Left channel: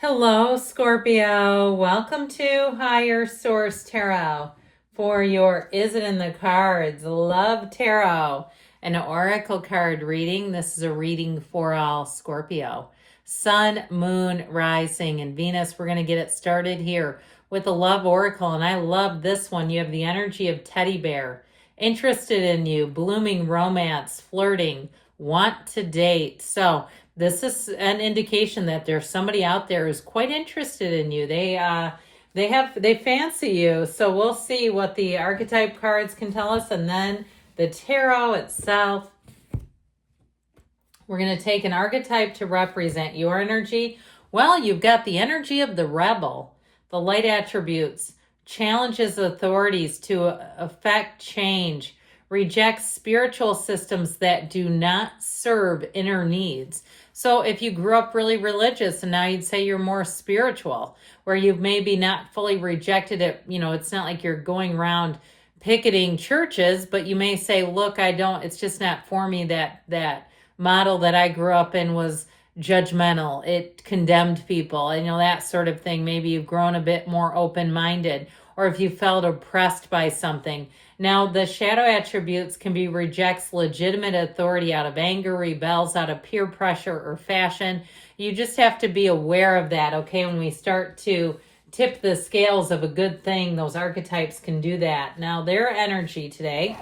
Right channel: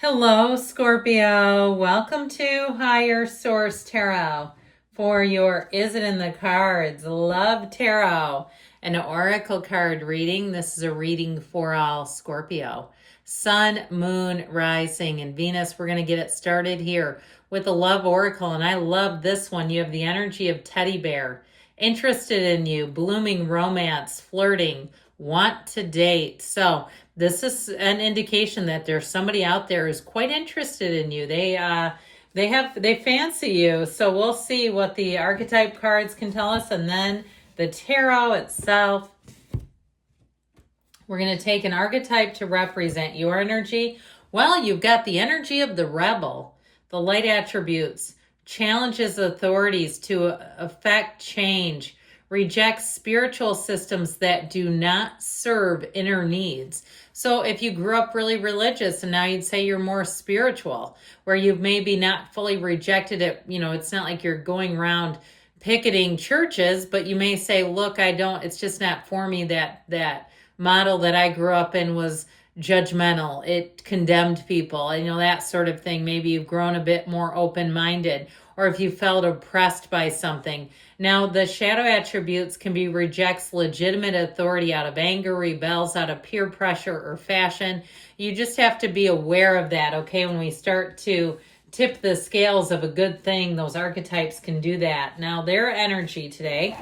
Hello, Scorpio. Welcome to Higher Source Tarot for your Is It in the Cards Love Tarot, an oracle card reading. This is a reading for all Scorpio. Sun, Moon, Rising, and Venus. We're going to get it started here with a love oracle, and I love this one. You have the energy of teddy bear, interested in you, blooming romance, flirting, want to date. So this is an indication that there's somebody out there who's quite interested in you. They fancy you. So we'll see what the archetype cards can tell us, and then the tarot itself. We're going to take an archetype to represent your energy. Well, you've got the energy of the rebel, the light attributes, challenges authorities to affect change, rejects spiritual systems that do not serve inner needs. So if you grew up really religious and now you'd say you're more spiritual, where you've maybe not fully rejected it, it's not like you're going around picketing churches, but you may say, look, it's just not for me. That model that I grew up in was judgmental. It condemned people, that sort of thing. Maybe you've grown a bit more open-minded, or if you felt oppressed by something. Now, the shadow attributes can be rejects legitimate authority out of anger, rebels out of peer pressure or fashion. You just have to be aware of that, okay? When we start to tip the scales of a good thing, those archetypes can do that. Now, their energy today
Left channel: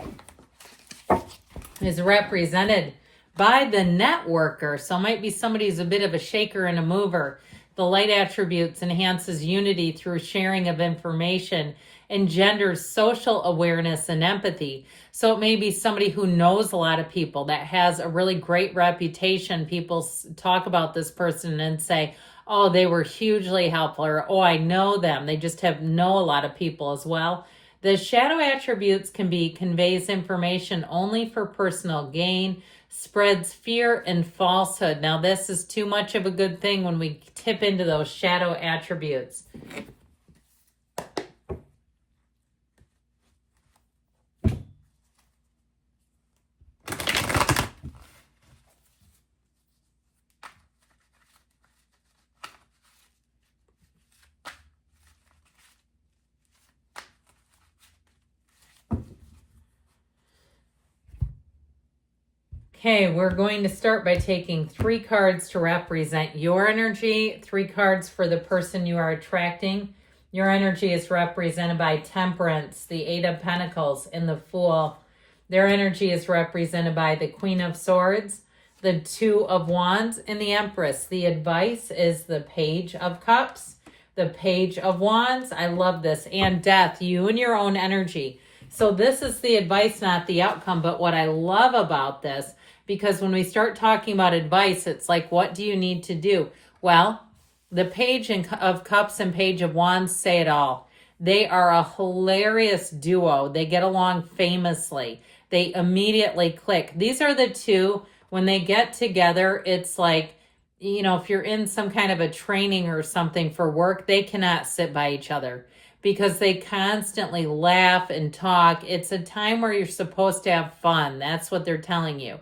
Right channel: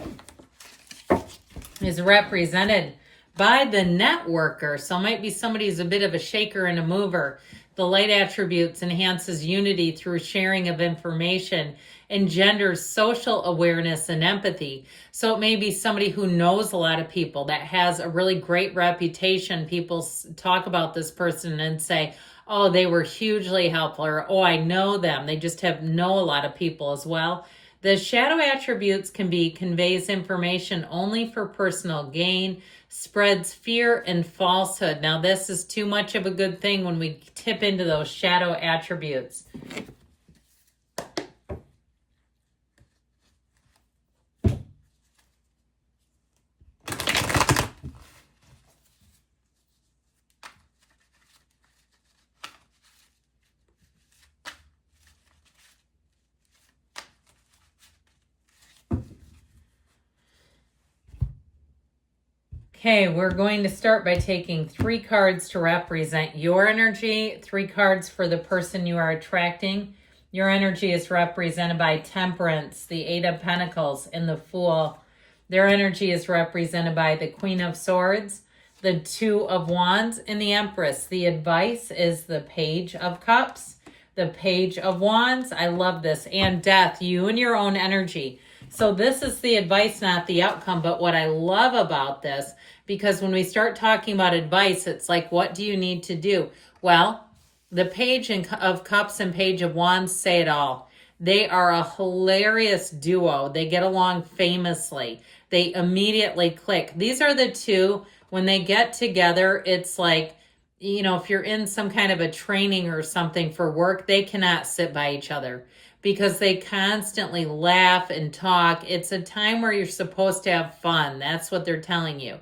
is represented by the networker. So it might be somebody who's a bit of a shaker and a mover. The light attributes enhances unity through sharing of information, engenders social awareness and empathy. So it may be somebody who knows a lot of people, that has a really great reputation. People talk about this person and say, oh, they were hugely helpful, or oh, I know them. They just know a lot of people as well. The shadow attributes conveys information only for personal gain, spreads fear and falsehood. Now, this is too much of a good thing when we tip into those shadow attributes. Okay, we're going to start by taking 3 cards to represent your energy, 3 cards for the person you are attracting. Your energy is represented by Temperance, the 8 of Pentacles, and the Fool. Their energy is represented by the Queen of Swords, the 2 of Wands, and the Empress. The advice is the Page of Cups, the Page of Wands. I love this. And Death, you and your own energy. So this is the advice, not the outcome. But what I love about this, because when we start talking about advice, it's like, what do you need to do? Well, the Page of Cups and Page of Wands say it all. They are a hilarious duo. They get along famously. They immediately click. These are the two, when they get together, it's like, if you're in some kind of a training or something for work, they cannot sit by each other because they constantly laugh and talk. It's a time where you're supposed to have fun. That's what they're telling you.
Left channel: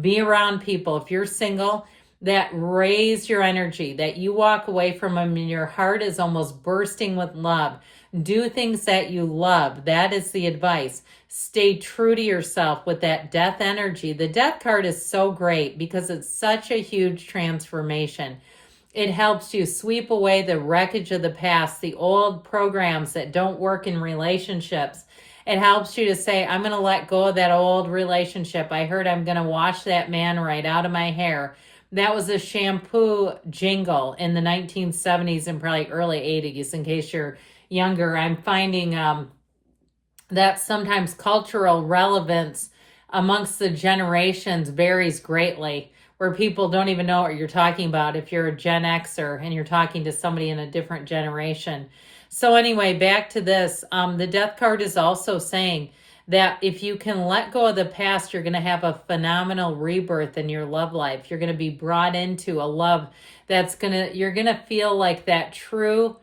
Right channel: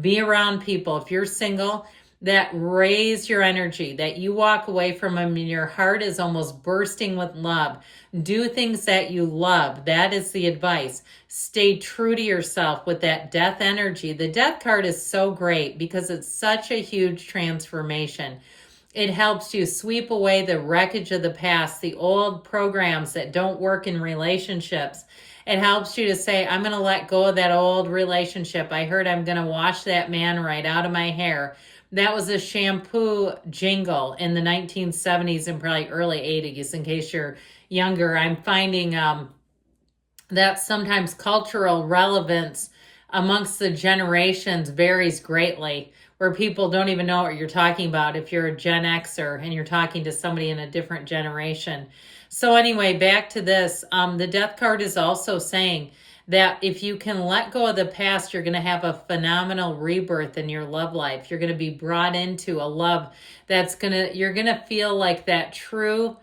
Be around people, if you're single, that raise your energy, that you walk away from them and your heart is almost bursting with love. Do things that you love. That is the advice. Stay true to yourself with that Death energy. The Death card is so great because it's such a huge transformation. It helps you sweep away the wreckage of the past, the old programs that don't work in relationships. It helps you to say, I'm going to let go of that old relationship. I heard I'm going to wash that man right out of my hair. That was a shampoo jingle in the 1970s and probably early 80s, in case you're younger. I'm finding that sometimes cultural relevance amongst the generations varies greatly, where people don't even know what you're talking about if you're a Gen Xer and you're talking to somebody in a different generation. So anyway, back to this. The Death card is also saying that if you can let go of the past, you're going to have a phenomenal rebirth in your love life. You're going to be brought into a love you're going to feel like that true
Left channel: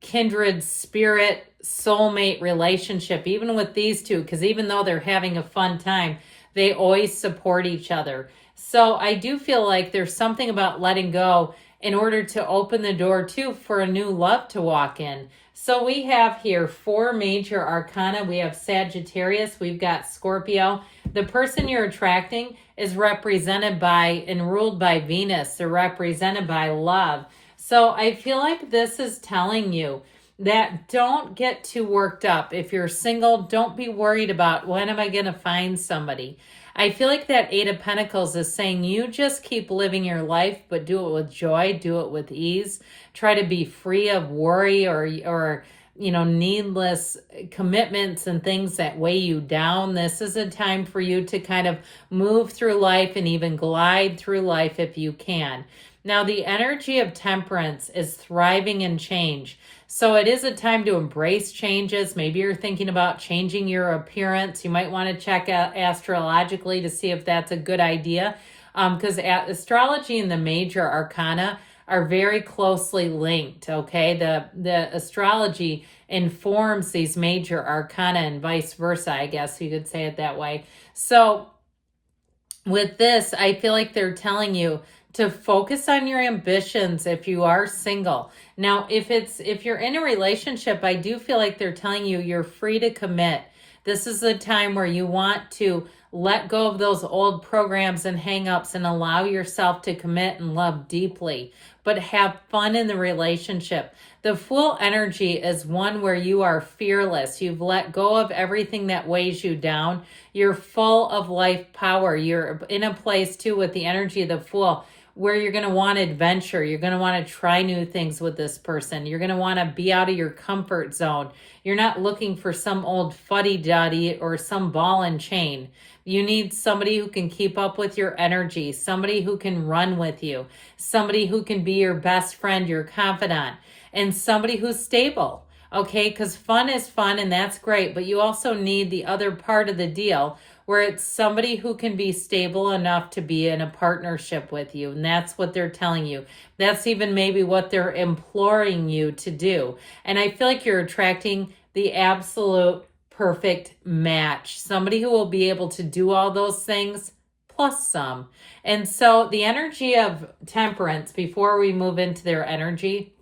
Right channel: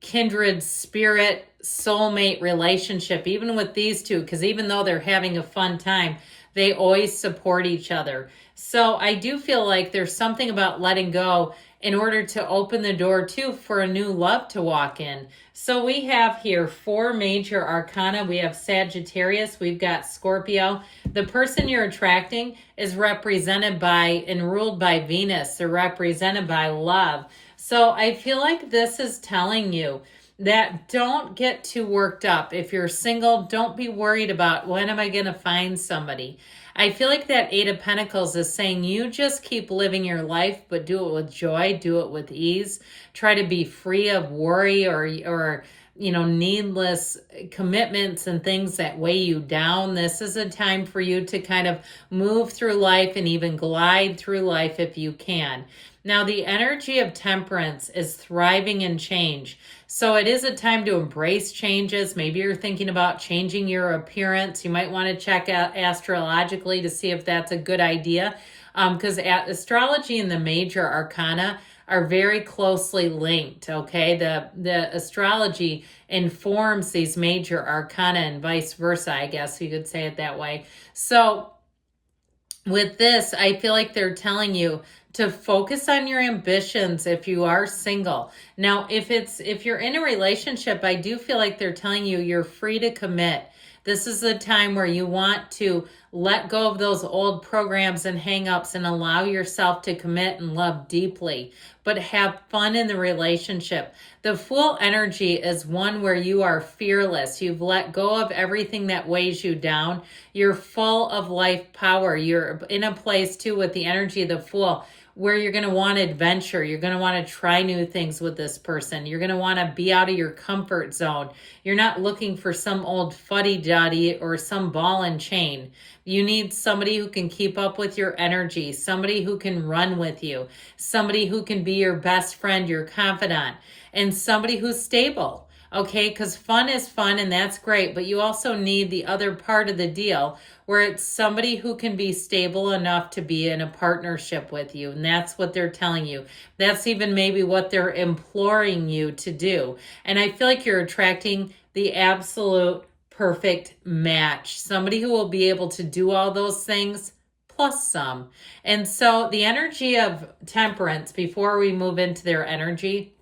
kindred spirit soulmate relationship, even with these two, because even though they're having a fun time, they always support each other. So I do feel like there's something about letting go in order to open the door too for a new love to walk in. So we have here 4 major arcana. We have Sagittarius, we've got Scorpio. The person you're attracting is represented by and ruled by Venus. They're represented by love. So I feel like this is telling you that don't get too worked up. If you're single, don't be worried about when am I going to find somebody. I feel like that 8 of Pentacles is saying you just keep living your life, but do it with joy, do it with ease. Try to be free of worry or needless commitments and things that weigh you down. This is a time for you to kind of move through life and even glide through life if you can. Now, the energy of Temperance is thriving in change. So it is a time to embrace changes. Maybe you're thinking about changing your appearance. You might want to check out astrologically to see if that's a good idea. Because astrology and the major arcana are very closely linked, okay? The astrology informs these major arcana and vice versa, I guess you could say it that way. So with this, I feel like they're telling you to focus on your ambitions if you are single. Now, if you're in a relationship, I do feel like they're telling you you're free to commit. This is a time where you want to let go of those old programs and hang-ups and allow yourself to commit and love deeply, but have fun in the relationship. The Fool energy is one where you are fearless. You've let go of everything that weighs you down. You're full of life power. You're in a place too with the energy of the Fool where you're going to want adventure. You're going to want to try new things with this person. You're going to want to be out of your comfort zone. You're not looking for some old fuddy-duddy or some ball and chain. You need somebody who can keep up with your energy, somebody who can run with you, somebody who can be your best friend, your confidant, and somebody who's stable, okay? Because fun is fun and that's great, but you also need the other part of the deal where it's somebody who can be stable enough to be in a partnership with you. And that's what they're telling you. That's even maybe what they're imploring you to do. And I feel like you're attracting the absolute perfect match. Somebody who will be able to do all those things plus some. And so the energy of Temperance, before we move into their energy,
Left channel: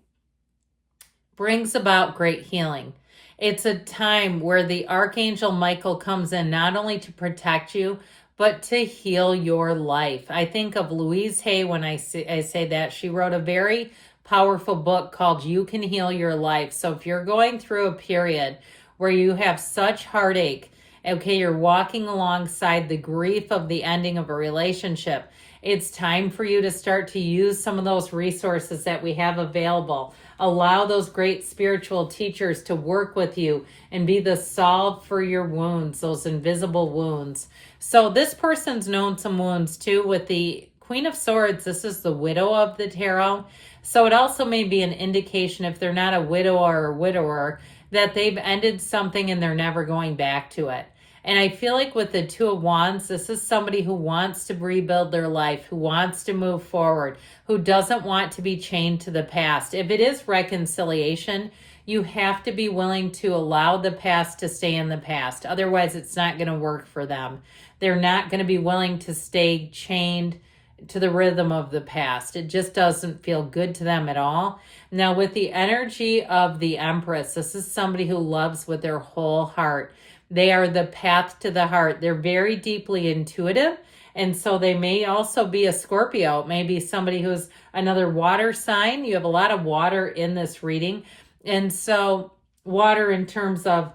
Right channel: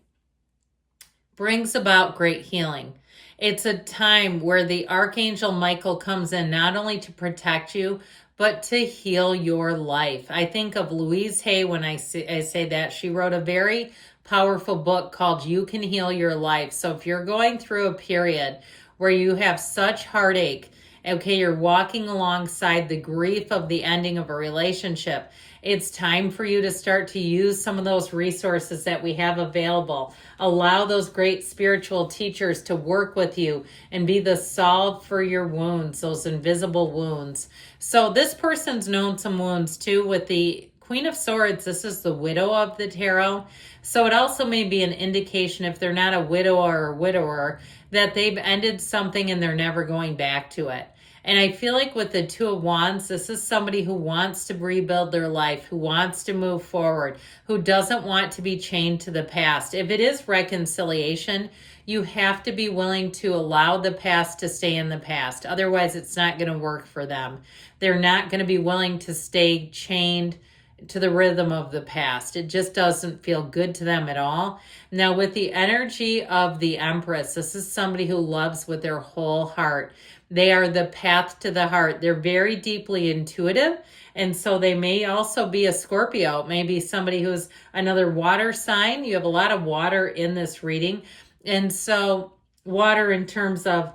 brings about great healing. It's a time where the Archangel Michael comes in not only to protect you, but to heal your life. I think of Louise Hay when I say that. She wrote a very powerful book called You Can Heal Your Life. So if you're going through a period where you have such heartache, okay, you're walking alongside the grief of the ending of a relationship, it's time for you to start to use some of those resources that we have available. Allow those great spiritual teachers to work with you and be the salve for your wounds, those invisible wounds. So this person's known some wounds too. With the Queen of Swords, this is the widow of the tarot. So it also may be an indication, if they're not a widower or widower, that they've ended something and they're never going back to it. And I feel like with the Two of Wands, this is somebody who wants to rebuild their life, who wants to move forward, who doesn't want to be chained to the past. If it is reconciliation, you have to be willing to allow the past to stay in the past. Otherwise, it's not going to work for them. They're not going to be willing to stay chained to the rhythm of the past. It just doesn't feel good to them at all. Now, with the energy of the Empress, this is somebody who loves with their whole heart. They are the path to the heart. They're very deeply intuitive. And so they may also be a Scorpio, maybe somebody who's another water sign. You have a lot of water in this reading. And so water in terms of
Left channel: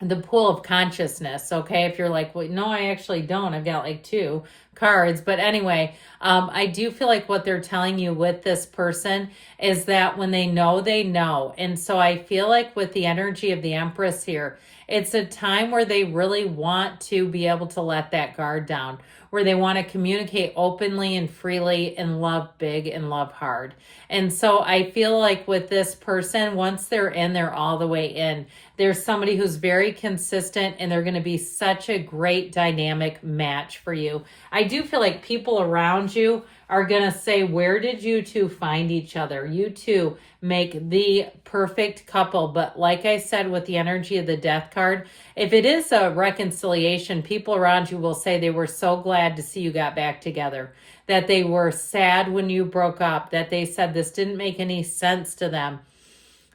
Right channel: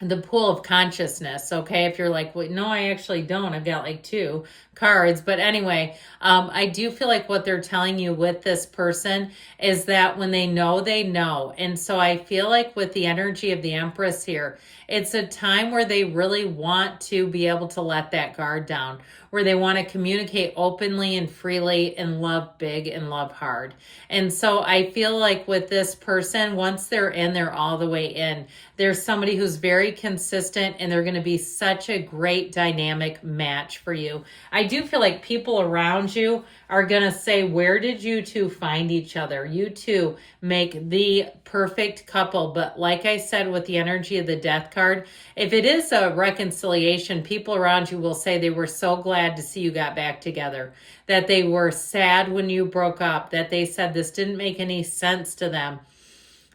the pool of consciousness, okay? If you're like, well, no, I actually don't. I've got like 2 cards. But anyway, I do feel like what they're telling you with this person is that when they know, they know. And so I feel like with the energy of the Empress here, it's a time where they really want to be able to let that guard down, where they want to communicate openly and freely and love big and love hard. And so I feel like with this person, once they're in, they're all the way in. There's somebody who's very consistent and they're going to be such a great dynamic match for you. I do feel like people around you are going to say, where did you two find each other? You two make the perfect couple. But like I said, with the energy of the Death card, if it is a reconciliation, people around you will say they were so glad to see you got back together, that they were sad when you broke up, that they said this didn't make any sense to them.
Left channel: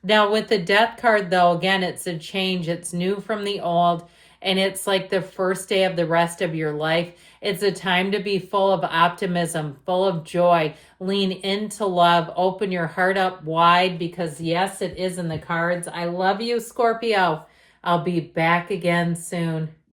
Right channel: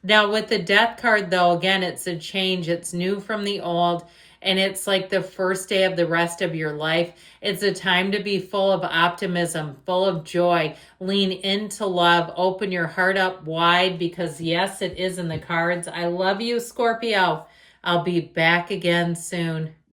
Now with the Death card, though, again, it's a change. It's new from the old. And it's like the first day of the rest of your life. It's a time to be full of optimism, full of joy. Lean into love. Open your heart up wide, because yes, it is in the cards. I love you, Scorpio. I'll be back again soon.